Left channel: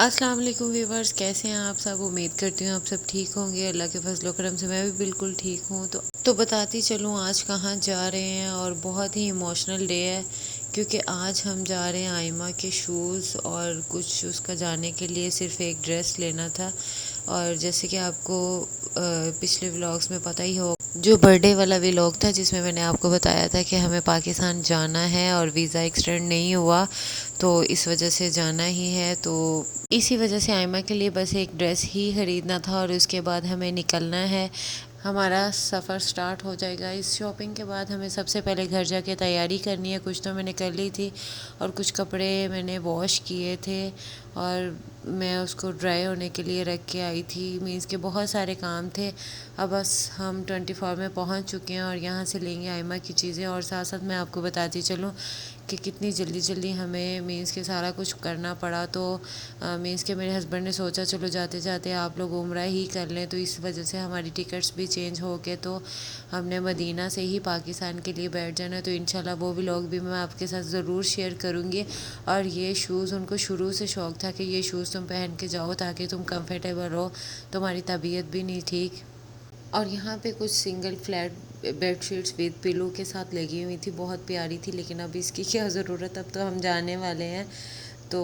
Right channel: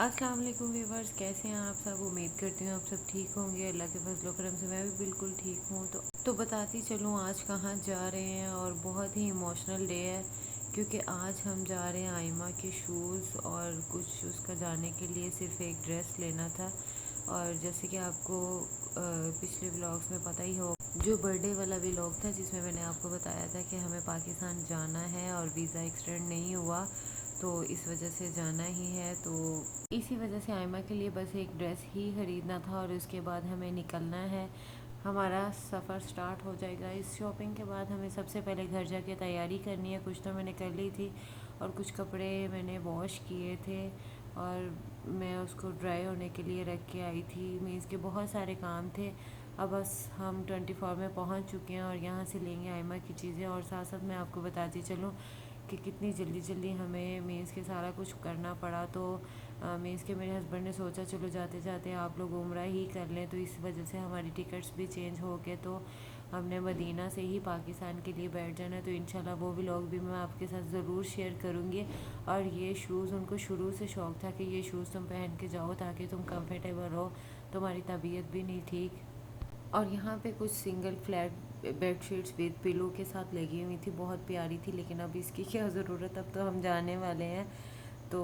السلام علیکم ویورز، کیسے ہیں آپ سب؟ امید کرتی ہوں آپ سب ٹھیک ہوں گے۔ اللہ کے فضل و کرم سے میں بھی بالکل ٹھیک ہوں۔ تو بتاتی چلوں آج کہاں جا رہے ہیں، اور بہت ہی ایموشنل ڈے ہے کیونکہ آج ہم جا رہے ہیں آئمہ کے شوز اور کچھ اس کا جانے کے لیے صرف ایک ڈریس لینا تھا۔ اور جیسے کہ آپ کو پچھلے ولاگس میں پتہ ہی ہو، جو برتھ ڈے والا ولاگ تھا جس میں نے آپ کو بتایا تھا کہ ہمیں پاکستان جانا ہے اور ویزا ایکسٹینڈ نہیں ہوا، تو اس وجہ سے جانا ہی ہے۔ تو اسی وجہ سے آئمہ کے لیے بس ایک ڈریس ہی خریدنا تھا اور اس کے بعد ہمیں نکلنا ہے۔ ہمارا سفر سٹارٹ ہو جائے گا۔ اس شاپنگ کے بعد ہمیں سب سے پہلے گھر جا کے تیاری کرنی ہے۔ کچھ تو میں نے کر لی تھی اور کچھ کپڑے میں نے واش کیے تھے اور میں اس کو ڈرائی ہونے کے لیے رکھ کے آئی تھی۔ مینس کے بہت سارے کام تھے۔ اب بس ہم 24 میں پہنچ چکے ہیں اور یہاں سے لیں گے آئمہ کی چیزیں۔ اور ساتھ ساتھ میں آپ کو بتاتی چلوں کہ کتنی جلدی جلدی ہمیں مینس کے سارا کچھ کرنا پڑا۔ تو مینس کہ میرے ہسبینڈ نے سوچا چلو جاتے جاتے آپ لوگ عمرہ ہی کر لیں، تو اس وجہ سے ہماری ٹکٹس بھی چینج ہو کے تو ہم نے مدینہ سے ہی پاکستان کے لیے بیٹھ جانا۔ تو انشاءاللہ وہ ولاگ بھی میں آپ کے ساتھ ضرور شیئر کروں گی۔ اور یہ شوز ان کو شروع سے شوق تھا کہ یہ شوز تم پہن کے جاؤ تاکہ تم کمفرٹیبل ہو، تمہاری طبیعت بھی نہیں ٹھیک۔ اور یہاں پہ کچھ single flat bed sheets with pillow کے ساتھ لگی ہوئی تھی، بہت پیاری تھی، لیکن اب اس کی کیا ضرورت، اب تو ہم جانے والے ہیں۔ تو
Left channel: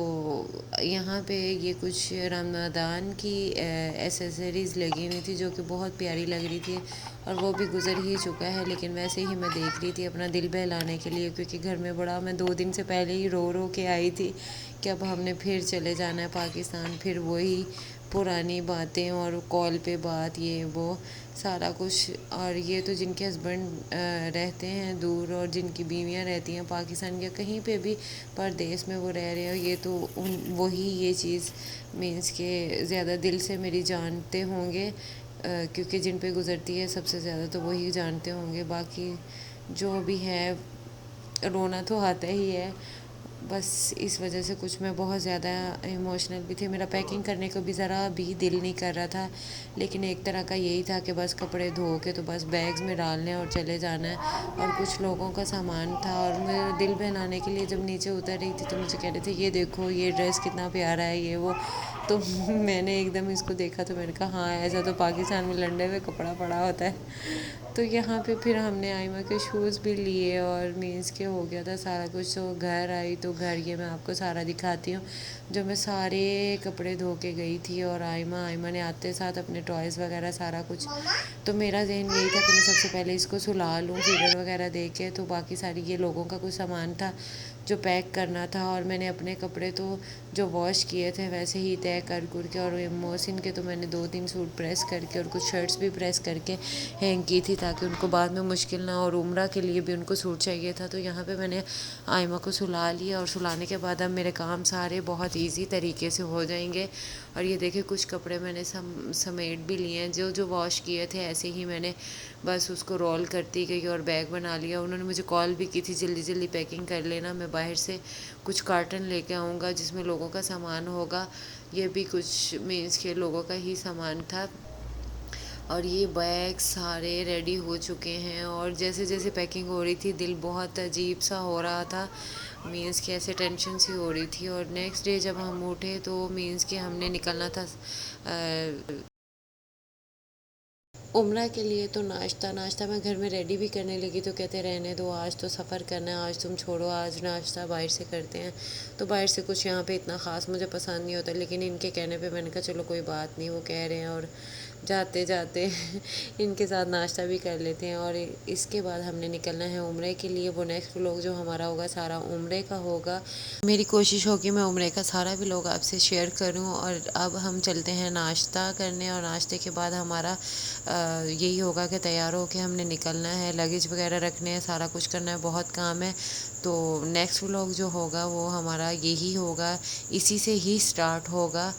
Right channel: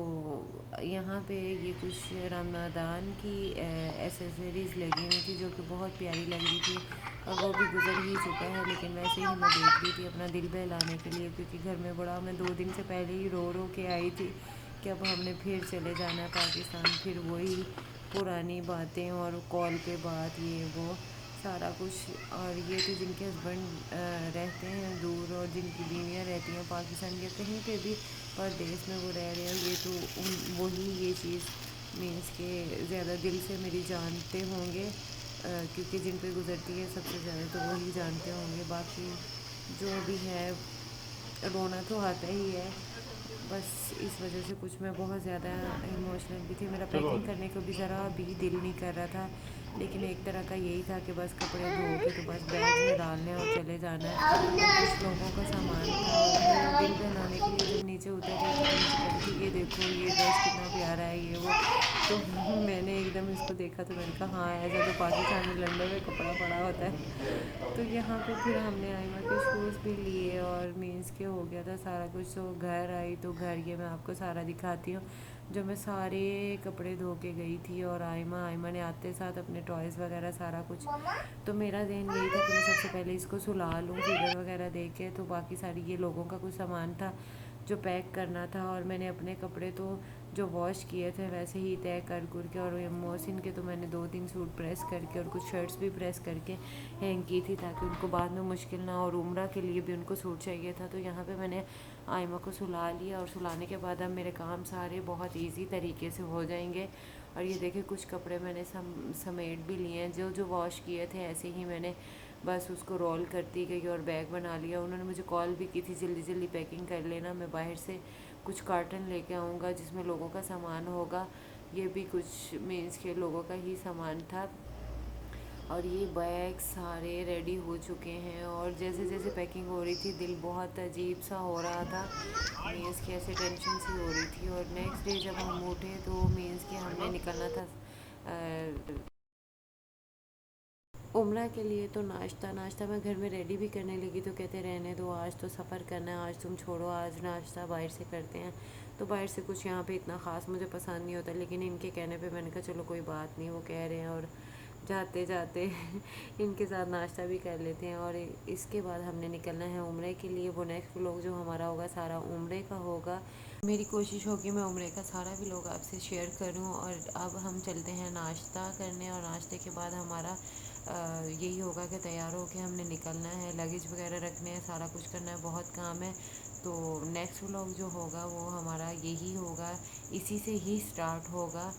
یہاں پہ یہ کچھ رمضان کی ایسیسریز لگی ہوئی تھی جو کہ بہت پیاری لگ رہی تھی، اور وہ بھی گزر ہی چکا ہے، لیکن ویسے ہی میں دیکھ رہی تھی اپنا دل بہلانے کے لیے، کیونکہ گھر میں بڑا میں 2 دن سے پہلے ہی رو رو کے آئی تھی کہ اب ہم نے پھر چلے جانا ہے پاکستان، پھر وہی پرانی باتیں اور کال پہ بات، یہ وہ سارا کچھ۔ اور یہ تو جن کے ہسبینڈ رہتے ہیں دور اور جن کی بیویاں رہتی ہیں پاکستان یا کہیں پہ بھی پردیس میں وہ رہ رہے ہیں، یہ تو وہی یہ چیز مینس کہ زیادہ دل سے میری جانتے ہوں گے، کیونکہ جن پہ گزرتی ہے سب سے زیادہ تو وہی جانتے ہوں گے۔ باقی جو بھی ہے رونا تو آتا ہی ہے، بس اس وجہ سے کچھ میں بہت زیادہ ایموشنل بھی تھی۔ میرا پیکنگ کرنے کو بھی ذرا بھی دل نہیں کر رہا تھا، لیکن ایک طرح کا یہی تھا کہ بس کپڑے دھو کے تو بس بیگز میں ڈالنے اور چلے جانا ہے۔ اور کچھ لوگوں کا سامان تھا، اور میں دل بہلانے کے لیے جب نیچے اتر رہی تھی تو مجھے کہہ رہی تھی یہ دیکھو یہ ڈریس کتنا پیارا ہے، یہ وہ۔ تو میں نے ایک دم اس کو دیکھا تو میں نے کہا ہاں ایسا تو پاکستان میں لنڈے میں کپڑا پڑا ہوتا ہے۔ تو یہاں پہ پھر ہم نے آئمہ کے شوز بھی لیے اور مینس کے ہو گیا تھا سارا کچھ۔ تو گھر آئی تو گھر یہ میں آپ کو سارا دکھاتی ہوں، جو میں سارے کپڑے دھو کے گئی تھی، اور آئمہ نے آتے ساتھ اپنے ٹوائز وغیرہ سارا کچھ۔ تو میرا ذہن یہی تھا کہ میں سب سے پہلے اس کو سلا لوں فیڈر وغیرہ دے کے، تو باقی ساری یہ لوگوں کا کچھ سامان تھا جو پیک کرنا تھا، اور میں نے اپنے کپڑے تو جو واش کیے تھے ویسے ہی طے کر کے، اور محسن کے تو میں نے 2-3 سوٹ پریس کر کے اور کچھ شرٹس بھی پریس کر کے ہینگ کی تھی تاکہ ان کو بعد میں مشکل نہ ہو، اور عمرہ کے لیے بھی ان کو سوٹ چاہیے تھا۔ تو یہاں پہ میں نے آئمہ کو سلا لیا، اور سلانے کے بعد اب میرے کام سارے بہت ایزی طریقے سے ہو جائیں گے۔ اور یہ دیکھیں کچھ کپڑے میں نے سمیٹ بھی لیے ہیں، جو واش کیے تھے ایسے ہی میں نے بس اس کو رول کرتی گئی اور بیگ بنا لیا۔ انہوں نے مجھے کال بھی کی تھی جلدی جلدی پیکنگ کر لینا، میں باہر سے کچھ کارٹن لے کے آؤں گا جس میں لوگوں کا سامان ہوگا۔ یہ بھی کچھ مینس کے لوگوں کا ہی سامان تھا، اور یہ بیگ سارے ریڈی ہو چکے ہیں۔ اور جیسے جیسے پیکنگ ہو رہی تھی دل بہت عجیب سا ہو رہا تھا، مینس کہ ایسے ٹینشن سی ہو رہی تھی۔ اور نیکسٹ ڈے جب ہم اٹھے تو مینس کہ ہم نے نکلنا تھا عمرہ کے لیے۔ تو ناشتہ میں گھر میں ریڈی بھی کرنے لگی تو کہتے رہنے دو، آج تو سفر کرنا ہے، آج تم چھوڑو، آج ناشتہ باہر سے کرتے ہیں۔ تو باہر سے کچھ یہاں پہ اتنا خاص مجھے پسند نہیں ہوتا، لیکن ان کے کہنے پہ میں نے کہا چلو کوئی بات نہیں، وہ کہہ رہے ہیں اور جاتے جاتے ان کے ساتھ ناشتہ بھی کر لیتے ہیں۔ اور اس کے بعد ہم نے نکلنا ہے عمرے کے لیے۔ وہ نیکسٹ ولاگ جو ہمارا ہوگا سارا عمرے کا ہوگا۔ میری کوشش ہوگی میں عمرے کا سارا ولاگ آپ سے شیئر کروں۔ اور اب ہم چلتے ہیں ناشتہ کرنے، اور ناشتے کے بعد ہمارا یہی ہوگا کہ تیار ہو کے ہم نے نکلنا ہے، لگیج وغیرہ رکھنے ہیں، سارا کچھ کرنا ہے، بہت کام ہے۔ تو نیکسٹ ولاگ جو ہوگا وہ ہمارا یہی ہوگا، اسی سے ہی سٹارٹ ہوگا،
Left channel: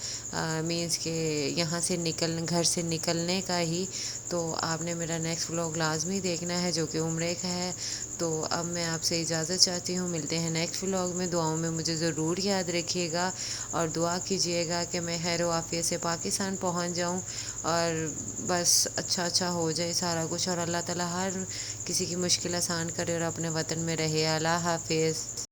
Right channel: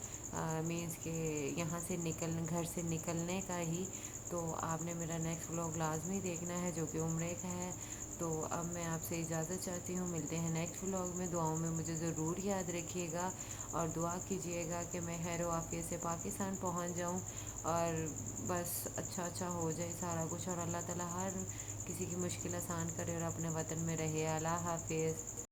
مینس کہ یہاں سے گھر سے نکلنے کا ہی۔ تو آپ نے میرا نیکسٹ ولاگ لازمی دیکھنا ہے جو کہ عمرے کا ہے۔ تو اب میں آپ سے اجازت چاہتی ہوں، ملتے ہیں نیکسٹ ولاگ میں۔ دعاؤں میں مجھے ضرور یاد رکھیے گا اور دعا کیجیے گا کہ میں خیر و عافیت سے پاکستان پہنچ جاؤں، اور بس اچھا ہو جائے سارا کچھ، اور اللہ تعالیٰ ہر کسی کی مشکل آسان کرے اور اپنے وطن میں رہے۔ اللہ حافظ۔